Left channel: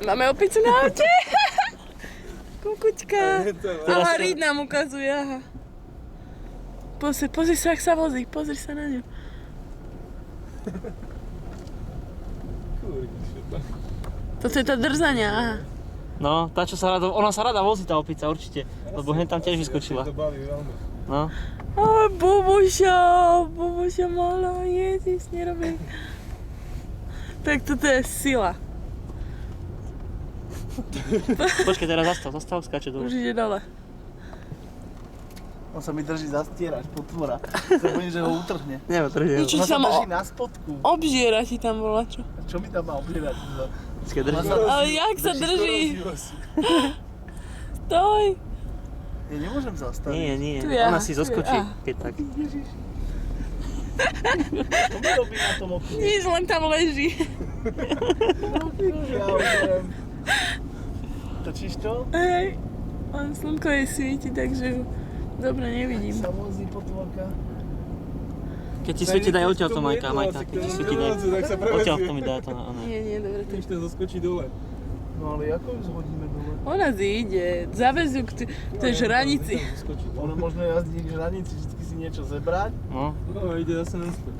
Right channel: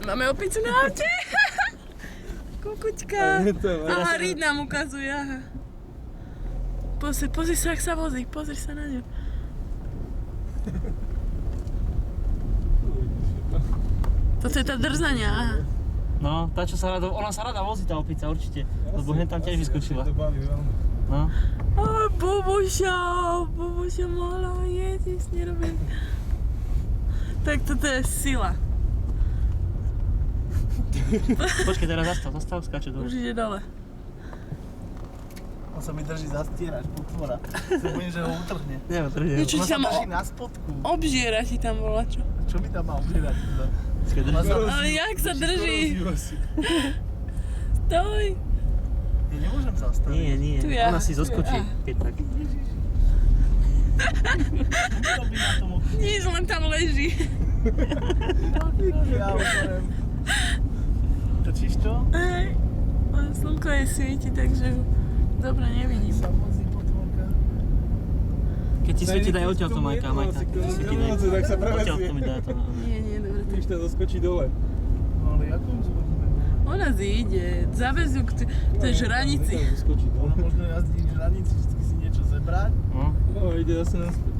Máme opicu na aute. Kukučka. Aha, Reed nám ukazuje, aha. Pozri sa, ak sa vozí, pozri sa na ňu. Toto je tá drzania, aha. No, tá čo sa rada, ona sa rada vozí tá opica určite, lebo hneď tam tiež vyskočila. No. Aj, Boboša malá, ježiš, nerobí. Tak toto je sila. Počkej, teraz zastav, skáče dole. Už ide dole. On sa mi drží za stierač, potvora. Sa bojím, že ho utrhne. Neutrhne. Niečo On sa sa ma drží na spodku. obžiera ti tam bola, čo? Čo mi tam má obžierať? Počkej, drží. Ale jak sa drží? Stoj! Ja nemôžem zastaviť. Nie, Tu ja, ona si tu zoskočí, ja. keď tak. Čo mi robí na tom okne? Nič, len tam leží. Ja uberem. Točíš to? Hej. A slnko jej svieti, takže ju dobre nevidím. Sa vozí potvorka. Keď ti svieti, daj odtiaľ to, Majka. Keď ti svieti, daj. Tak sa Odtiaľ prevezie. to mi daj to na ona. Nie, dobre. Když to zaskočí dole. No ale ako ju zhodíme dole? Ona zíde, zavez ju k tej žranici. Zaskočí Ono dole. možno jazdí k žranici, vždycky si niečo zebrať. No. No, ide zase naspäť.